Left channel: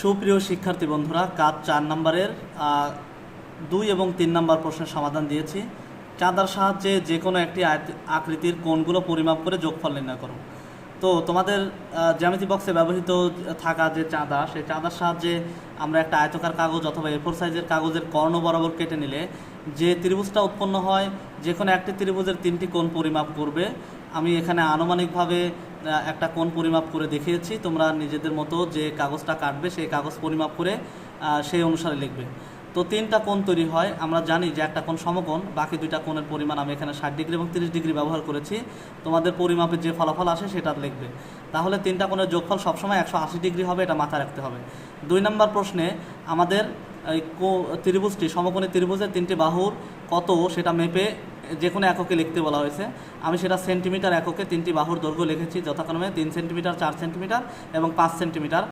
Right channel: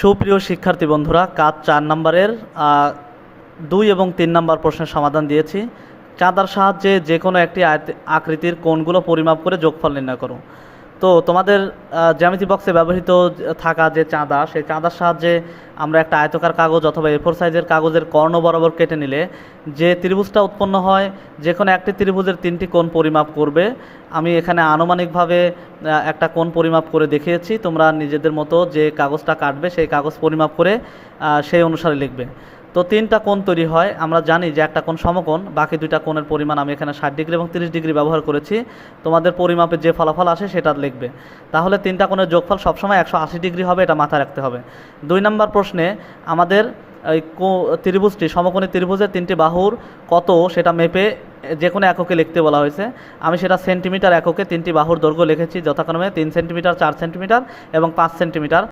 সুপ্রিয় শিক্ষার্থী বন্ধুরা, কাজ 4 নম্বরের 2 এবং 3 নম্বর প্রশ্নের সমাধান দিয়েছি। চাঁদার সাহায্যে যে কোনো একটি আকৃতির কোণগুলো পরিমাপ করে যোগফল নির্ণয় করো। তো তোমাদের জ্যামিতি বক্সে ব্যবহৃত থাকা যে চাঁদা, সেই চাঁদার সাহায্যে আমরা একটা আয়তকার কাগজ অথবা A4 সাইজের কাগজের কর্ণ বরাবর কেটে নিলে যে ত্রিভুজটা উৎপন্ন হয়, যে কোনো একটি ত্রিভুজের 3টি কোণ পরিমাপ করবে। আমি এখানে আনুমানিকভাবে একটা কোণ পরিমাপ করে দেখিয়েছি। তোমরা নিজেদের মতো যে কাগজটা কাটবে সেই কাগজ পরিমাপ করে সেই অনুসারে লিখবে। তো 3টা কোণ তৈরি হয়। আমরা জানি যে একটা কোণ সমকোণ, বাকি 2টা কোণের পরিমাণ আমি এখানে 60 ডিগ্রি এবং 30 ডিগ্রি ব্যবহার করেছি। তোমাদের পরিমাপে যে ফলাফল আসে সেটা লিখবে। তাহলে 3টা কোণের যোগফল সবসময় 180 ডিগ্রি হবে, এটা মাথায় রাখতে হবে। 2 নম্বর প্রশ্নে আমাদের এই ত্রিভুজটি, সমকোণী ত্রিভুজের 3টি বাহুর কত সেটা মেপে যে কোনো এককে লিখতে বলা হয়েছে। আমি সেটা সেন্টিমিটার এককে 3টি বাহুর দৈর্ঘ্য লিখেছি, যথাক্রমে 3 সেন্টিমিটার, 4 সেন্টিমিটার এবং 5 সেন্টিমিটার।